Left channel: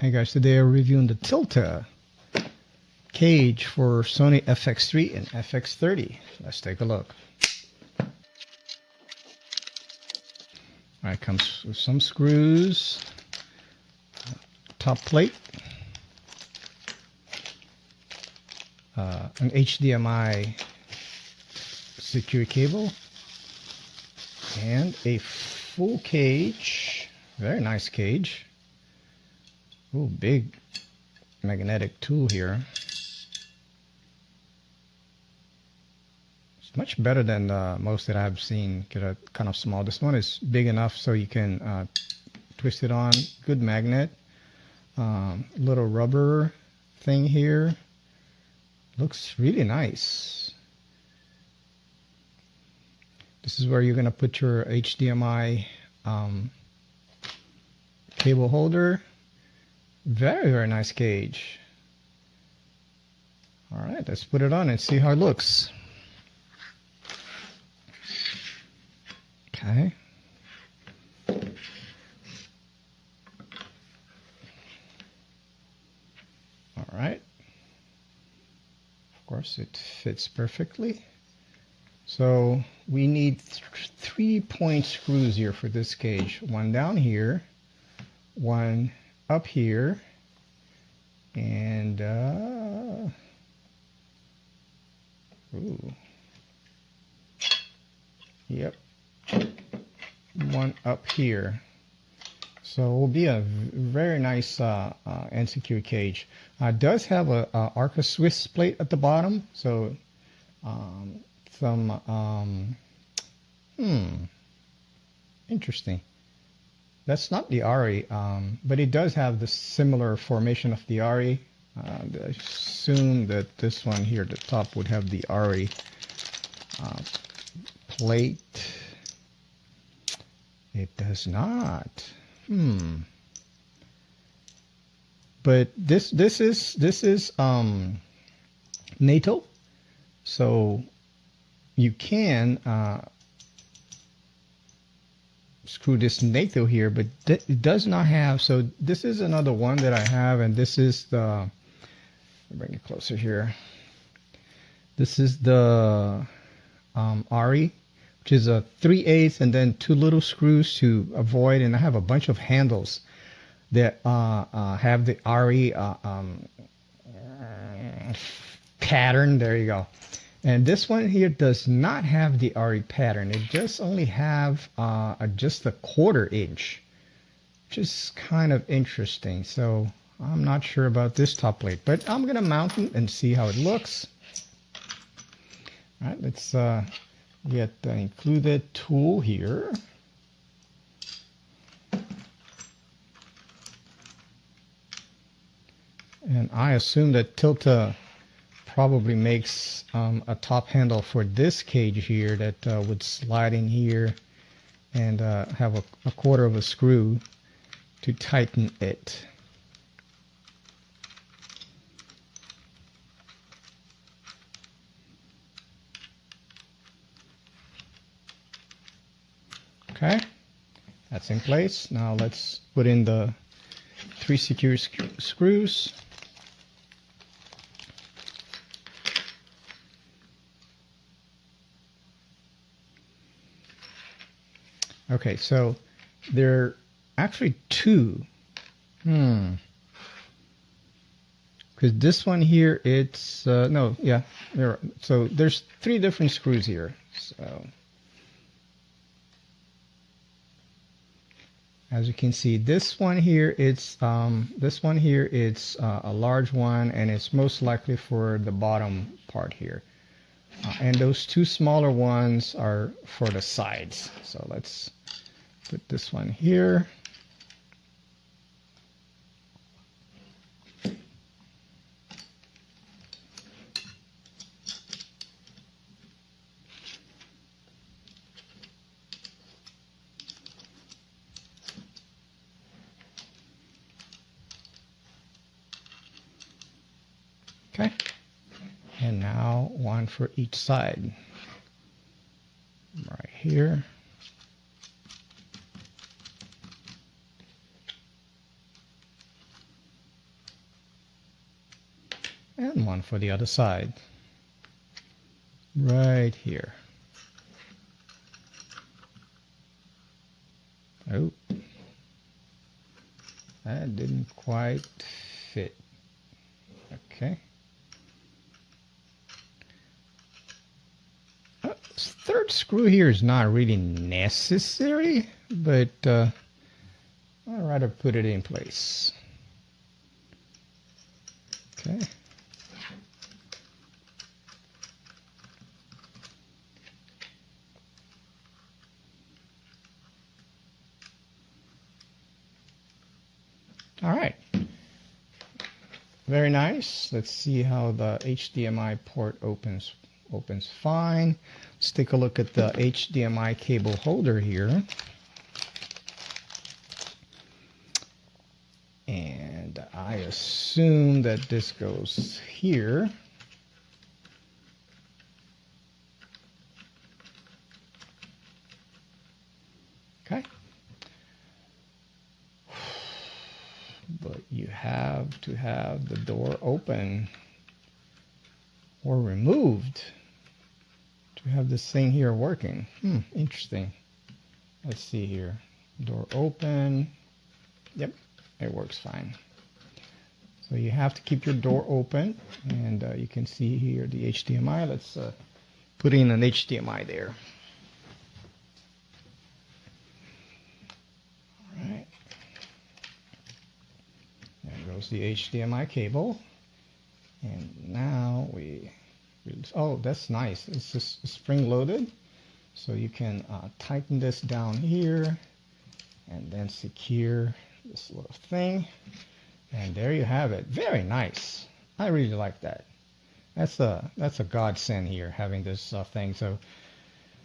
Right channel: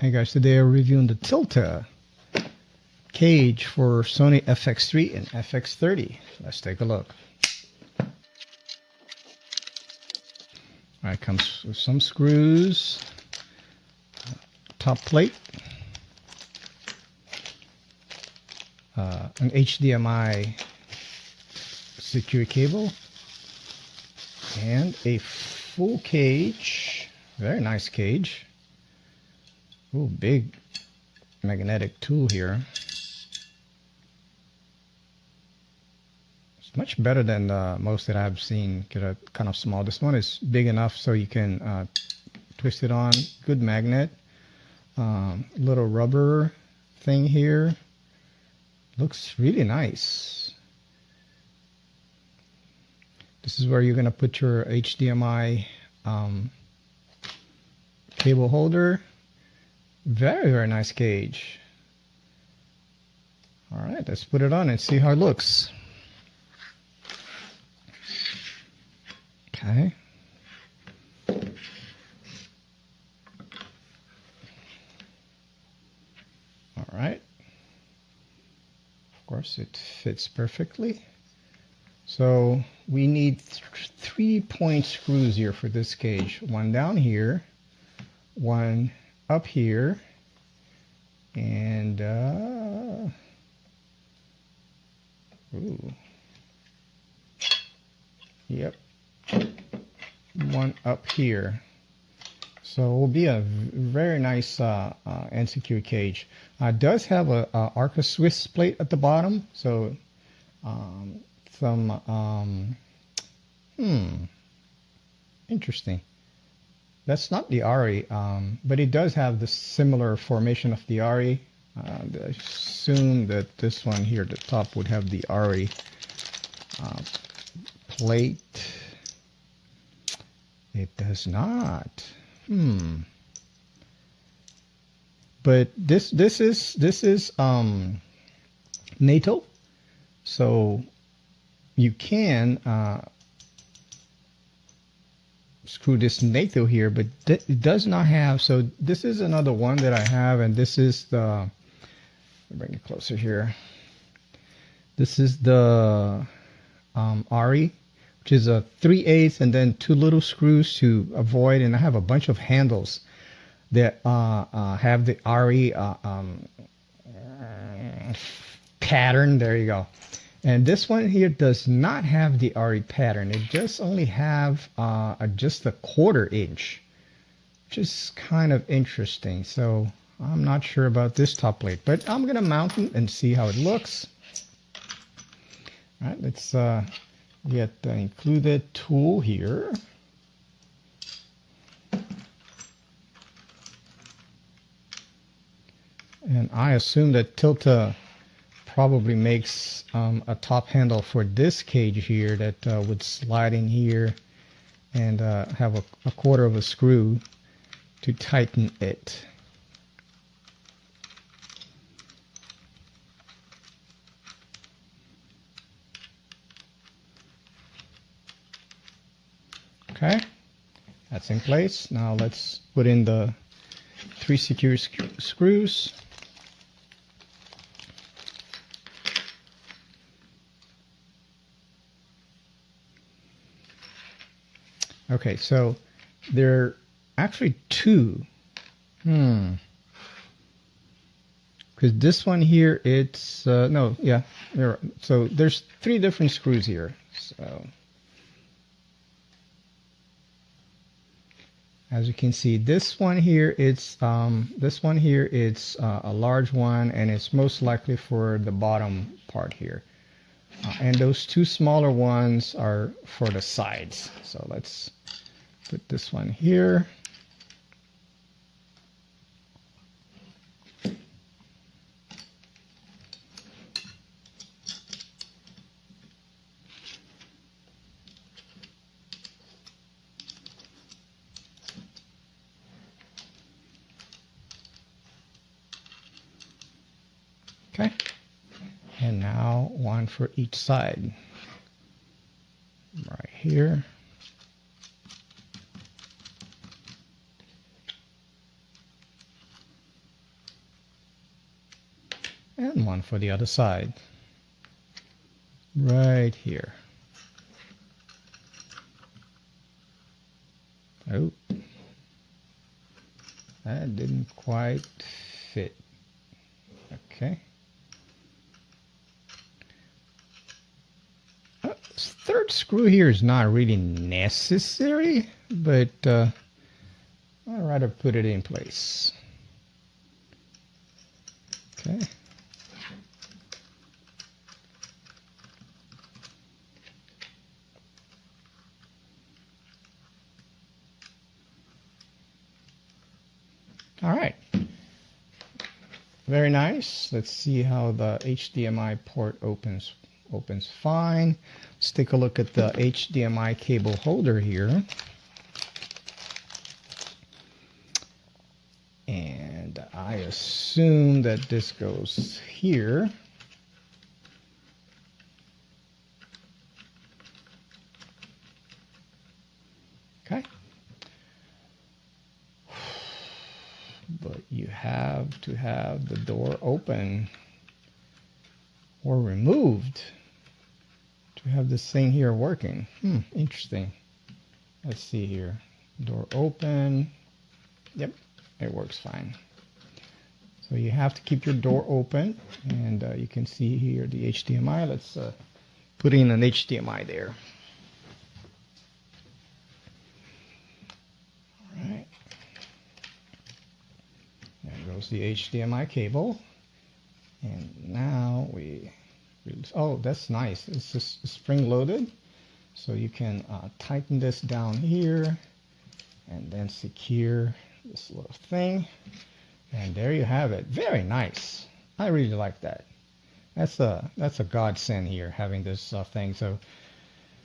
Hey guys, today I'm reviewing the Tilta cage for Sony FX3 and FX30. Let's take a look. Alright, comes with some screws, top plate, an HDMI secure cable, and a full cage. Very nice cage. Ooh, big magnetic tool here. It's much better than most that I've seen. Get a kind of small. This one is big enough so you can twist it on. Good magnet. Little rubber thing here. Looks really nice. This is where you're gonna put your HDMI cable holder. Very, very nice cage. All right, let's put it on and see how it looks. Okay. All right. Of course, it fits perfectly. So we need 3-point screws here for this cage. One down here, one up here, and ooh, yep, one up here. So it will be a very nice and secure cage. It does have a Arca Swiss plate at the bottom, so interesting. That's not the RE, but it does have the similar formation of the RE. I assume that this one here at the top would have the RE plate. It does not. But this is NATO, so you can screw this NATO here, but it does not have. So this is another one that I have, and this is the, bring it closer here. This is the RE, which is a 3/8 and then 2 little screws to avoid, and I have a bunch of handles that have the RE pattern. There you go. And this one here does not have the RE pattern. It just only have just a 1/4 inch, which is kind of interesting. So I'm not sure about this top plate, but I'm gonna mount it and see how it looks. All right, let's get the included tool here. And I assume that Tilta probably makes a top handle for this cage here that would slide in here and have a 1/4 of a screw to tighten it. Okay, that's in place. Now let's put in the 3 secure screws. Okay, so there are actually 2. Because this one here, it's no, yeah. So there's 3 different screws here. So as you can see, this one here, it's a large one, and it's most likely for the bottom part here. And those 2 smaller ones are for the sides. So let's put this one here. Okay. And now one for each side. Right here. and one for the other side. Right here. Oh, that didn't quite fit. Okay. Third screw here is not really necessary, but I'd rather put it in place. Okay. All right. Very nice. Let's see how the HDMI port opens fine. Let's take a look at the HDMI cable holder here. And I assume that this goes here. Okay. But you have to have the door open or removed to have this thing here working. Interesting. Let's see here. Door open. Yep, it works fine. So you have to keep your door open, and you can see here the HDMI. Let's put in an HDMI there. All right. There goes the HDMI cable. And now oh, that's nice. It's just spring loaded. So you can tighten this down here and then secure this little thing. And there you have it. Very nice. I really like that. That's a godsend here, having this thing. So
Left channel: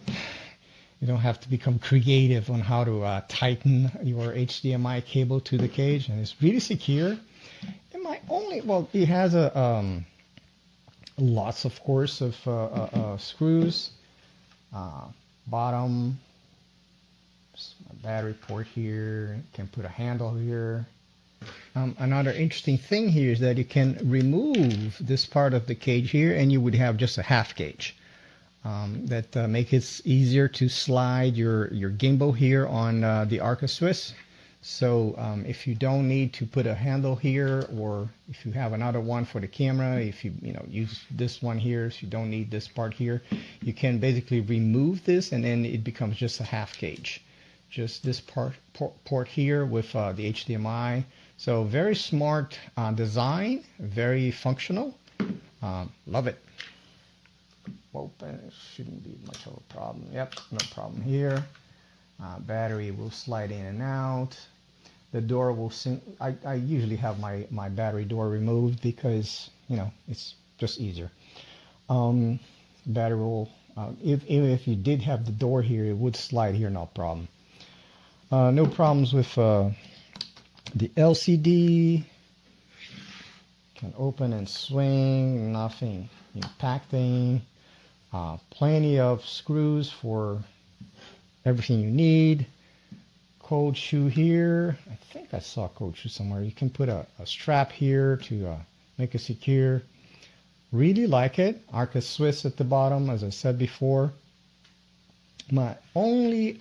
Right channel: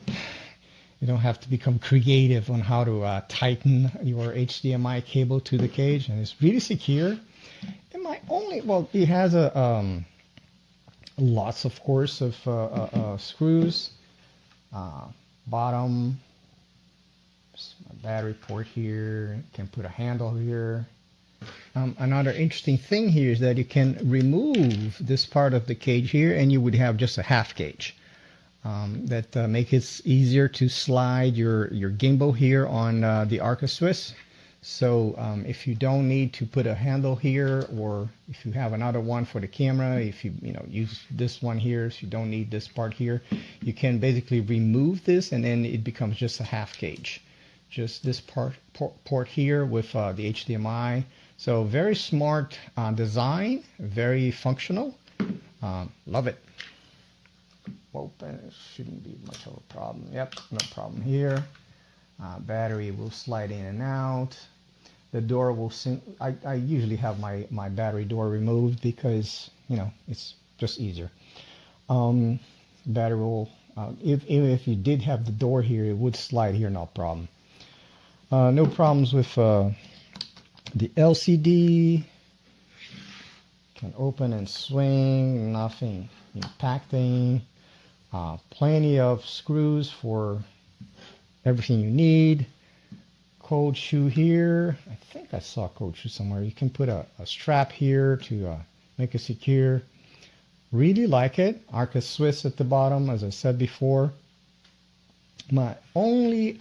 you don't have to become creative on how to tighten your HDMI cable to the cage. And it's really secure. Well, it has lots, of course, of screws. Bottom, battery port here. You can put a handle here. Another interesting thing here is that you can remove this part of the cage here, and you would have just a half cage. That make it easier to slide your gimbal here on the Arca Swiss. So if you don't need to put a handle here, or if you have another one for the camera, if you use this one here, so you don't need this part here, you can basically remove this, and then it becomes just a half cage. Just this port here with the HDMI. So very smart design, very functional. Love it. Open, it shouldn't be much of a problem. Yep, no problem here. Battery will slide in and out. The door will I usually have my battery door removed because it's just easier. Battery will if you did have the door here, it would slide here, no problem. No problems with the LCD. Can open and swing, nothing impacting. Plenty of screws for everything you need. Cold shoe here. I think I saw a cold shoe somewhere. You can put a strap here to make it secure. Really like it. Arca Swiss at the bottom, as I said before. My only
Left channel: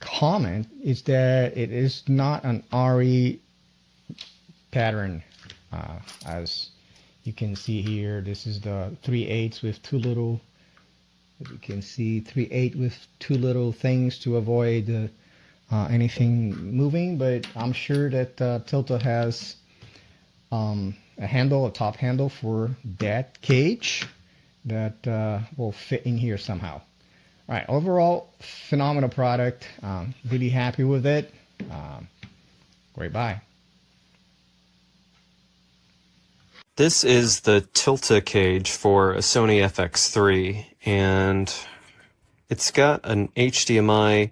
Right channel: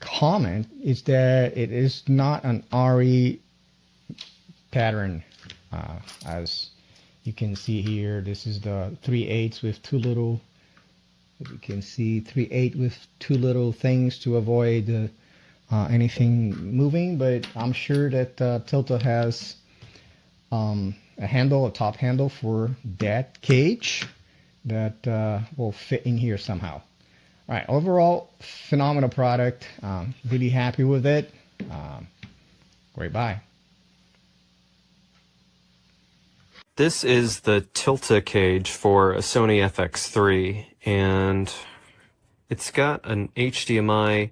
comment is that it is not an RE pattern. As you can see here, this is the 3/8 with two little, as you can see, 3/8 with two little things to avoid anything moving. But I'm sure that Tilta has a handle, a top handle for that cage that will fit in here somehow. All right, overall, phenomenal product. Really happy with it. Great buy. This is the Tilta cage for a Sony FX3, and it's got an HDMI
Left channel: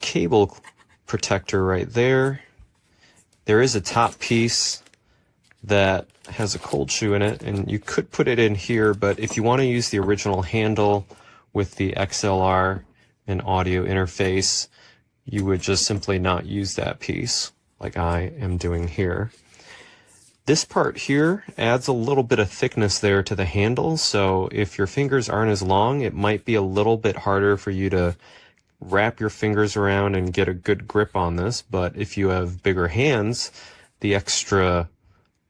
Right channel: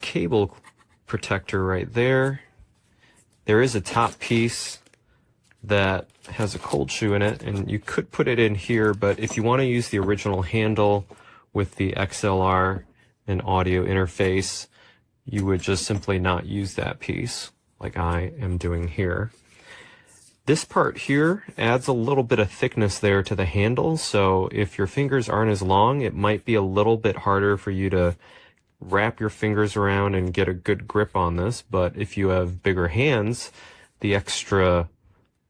cable protector right there. There is a top piece that has a cold shoe in it, and you could put it in here, but if you want to use the original handle with the XLR and audio interface, you would just simply not use that piece like I am doing here. This part here adds a little bit of thickness there to the handle, so if your fingers aren't as long, it might be a little bit harder for you to wrap your fingers around and get a good grip on this, but if you have bigger hands, the extra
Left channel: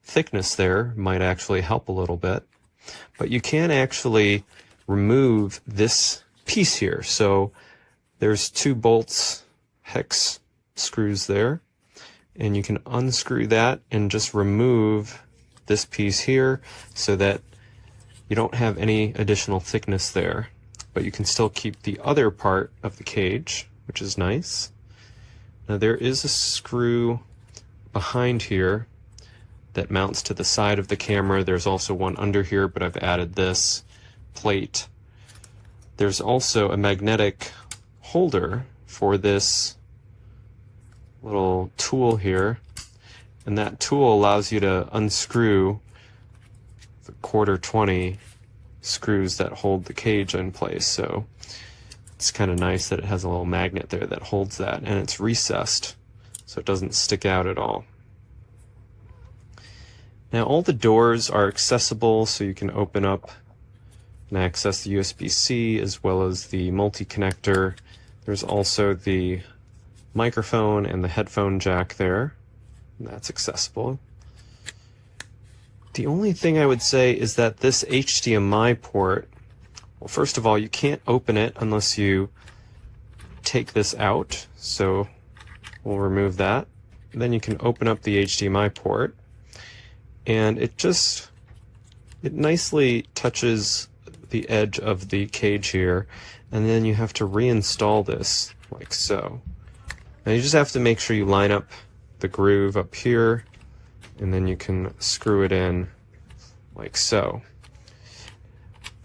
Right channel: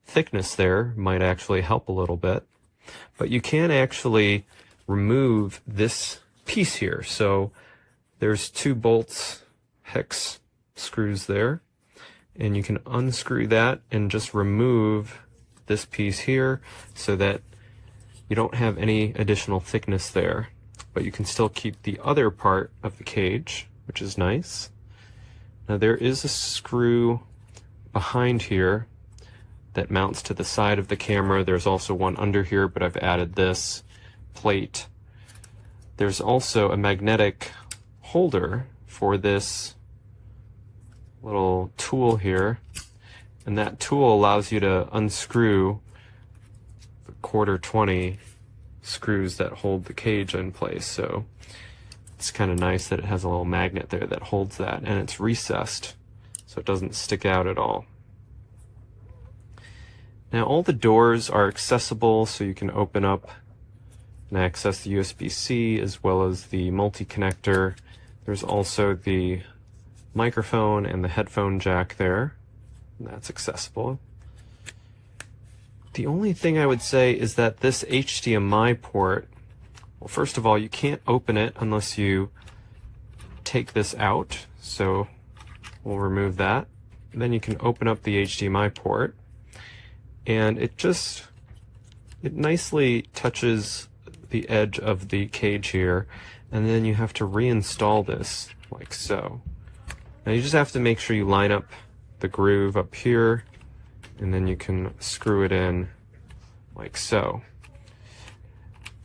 thickness there might actually help a little bit. But you can actually remove this piece here. So there's 2 bolts, hex screws there, and you can unscrew that and just remove this piece here so that you don't have any additional thickness there. But you can still keep the other part of the cage, which is nice. Now there is a screw behind here that mounts to the side of the camera. There's also one under here, but I've added this plate. There's also a magnetic holder for this little tool here, and that tool allows you to unscrew the 1/4-20 screws that hold the cage in place. So it's kind of nice that it has a little magnet there that holds that, and it's recessed so it doesn't stick out at all. Now all the doors are accessible, so you can open up and access the USB-C as well as the multi-connector. There's also the microphone and the headphone jack there, and that's accessible. The only thing I would say is that this HDMI port, well, first of all, you can't open it unless you take this out, so we'll remove that. Then you can open up the HDMI port, and it nicely touches the edge of the cage here, and then you have to reinstall this like so. Now you just have to make sure you line up the groove up here, and then you can screw it in like so.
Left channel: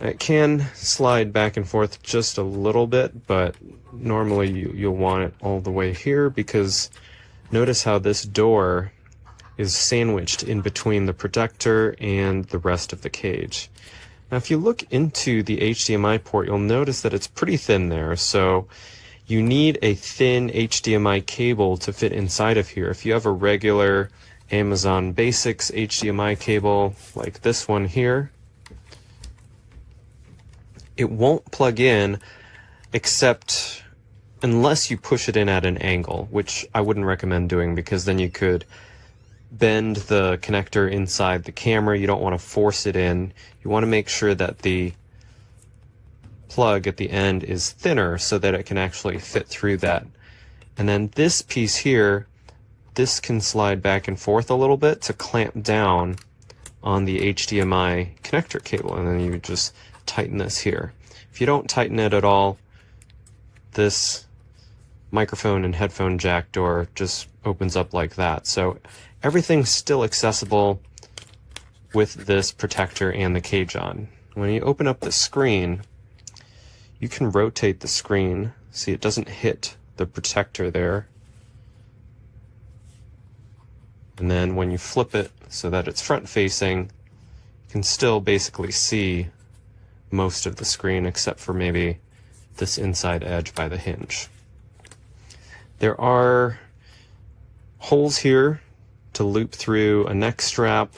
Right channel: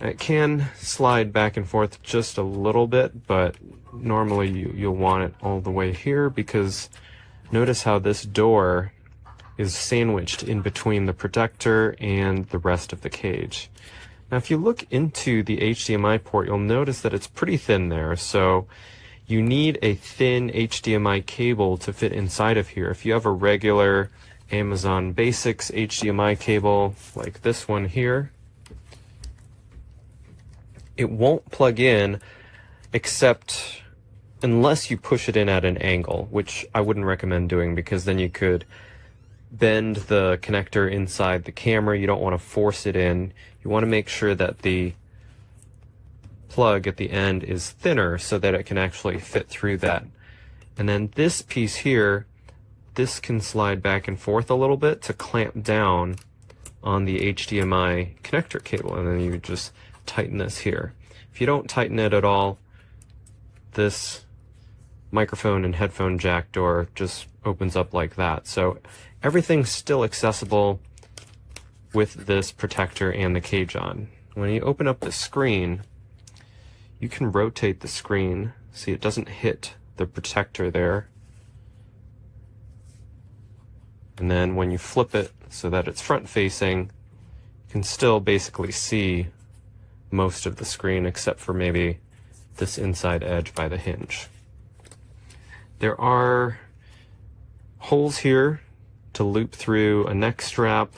It can slide back and forth just a little bit, but normally you'll want it all the way here, because notice how this door is sandwiched in between the protector and the rest of the cage. Now if you look into the HDMI port, you'll notice that it's pretty thin there, so you need a thin HDMI cable to fit inside of here. If you have a regular Amazon Basics HDMI cable like this one here, it won't plug in except unless you push it in at an angle, which I wouldn't recommend doing, because then you could bend the connector inside the camera. You don't want to force it in. You want to make sure that the plug at the end is thinner so that it can actually fit through that. And then this piece here, this can slide back and forth a little bit to clamp down on the HDMI connector cable, and then you just tighten this here. If you don't tighten it at all, this microphone and headphone jack door just opens up like that. So everything's still accessible with this protector and the cage on. When you open up the screen, you can rotate the screen. See, it doesn't hit the protector there. And then when you flip it so that it's front facing, you can still basically see most of the screen except for maybe this inside edge by the hinge. There are holes here to loop through a neck strap,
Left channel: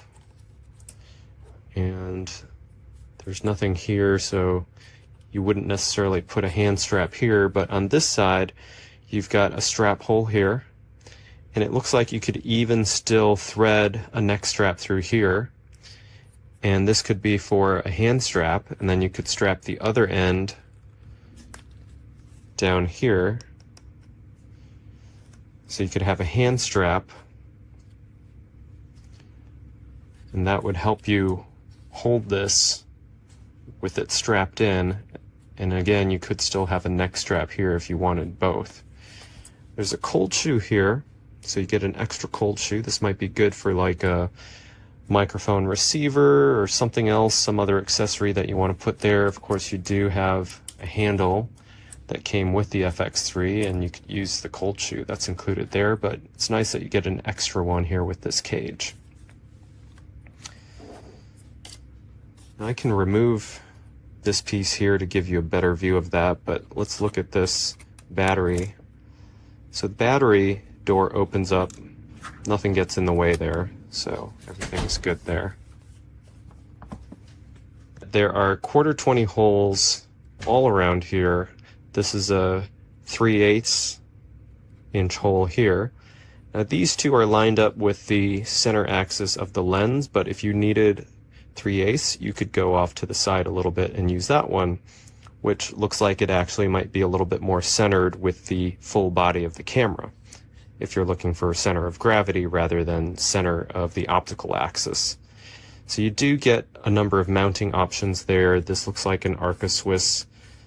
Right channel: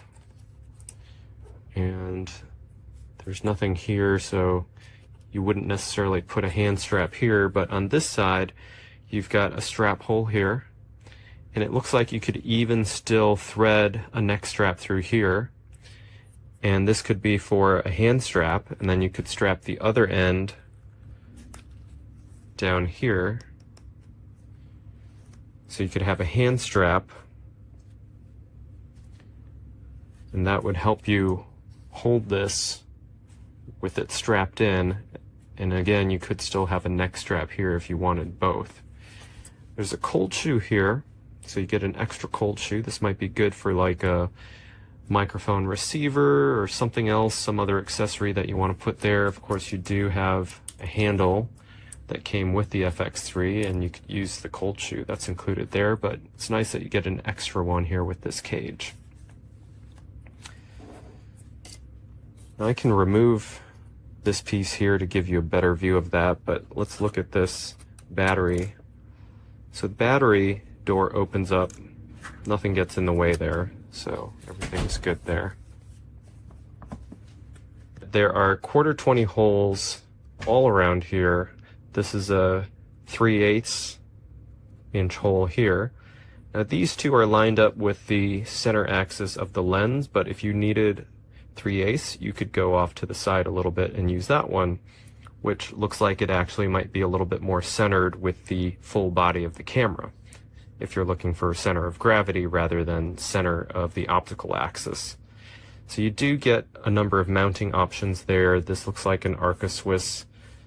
and there's nothing here, so you wouldn't necessarily put a hand strap here, but on this side you've got a strap hole here, and it looks like you could even still thread a neck strap through here, and this could be for a hand strap, and then you could strap the other end down here, so you could have a hand strap, and that would help you hold this with it strapped in. And again, you could still have a neck strap here if you wanted both. There's a cold shoe here, so you get an extra cold shoe. This might be good for like a microphone receiver or something else, some other accessory that you want to put there. Of course, you do have a handle that came with the FX3, and you could use the cold shoe that's included there, but it's nice that you get an extra one here with this cage. Now I can remove this piece here to give you a better view of that, but let's look at this battery. So the battery door opens up Nothing gets in the way there, so everything's good there. There are 1/4 20 holes all around here. This is a 3/8 inch hole here. Now these two are lined up with the center axis of the lens, but if you needed 3/8, you could go off to the side a little bit and use that one, which looks like it actually might be a little bit more centered with the full body of the camera, if you're looking for center of gravity rather than center of the optical axis. So you do get a number of mounting options there. This looks like an Arca-Swiss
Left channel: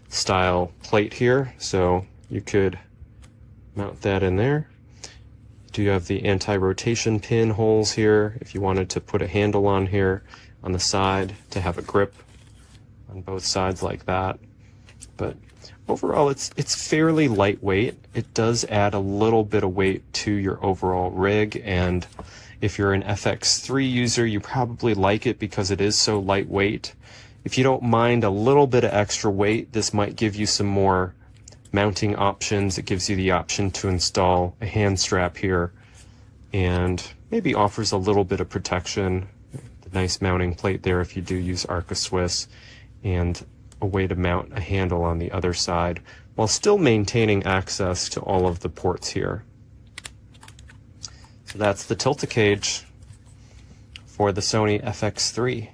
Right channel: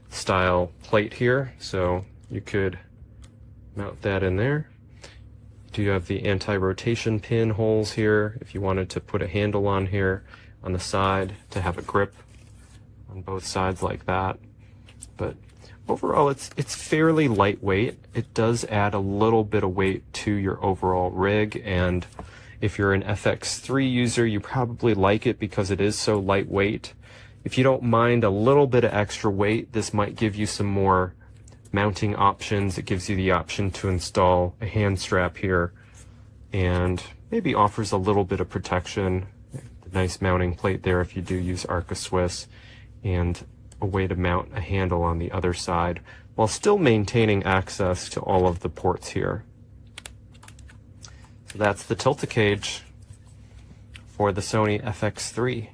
style plate here, so you could mount that in there. You do have the anti-rotation pin holes here if you wanted to put a handle on here on the side to have a grip on both sides like that. But overall it's fairly lightweight. It does add a little bit of weight to your overall rig, and if you're an FX3 user, you probably like it because it is so lightweight. If you don't mind a little bit of extra weight, this might give you some more mounting options. It gives you the option to install a hand strap here and maybe offers a little bit of protection. The nice mounting plate there if you do use Arca-Swiss, and a way to mount a handle on the other side while still maintaining access to all of the ports here. So that's the Tilta cage for the Sony FX3.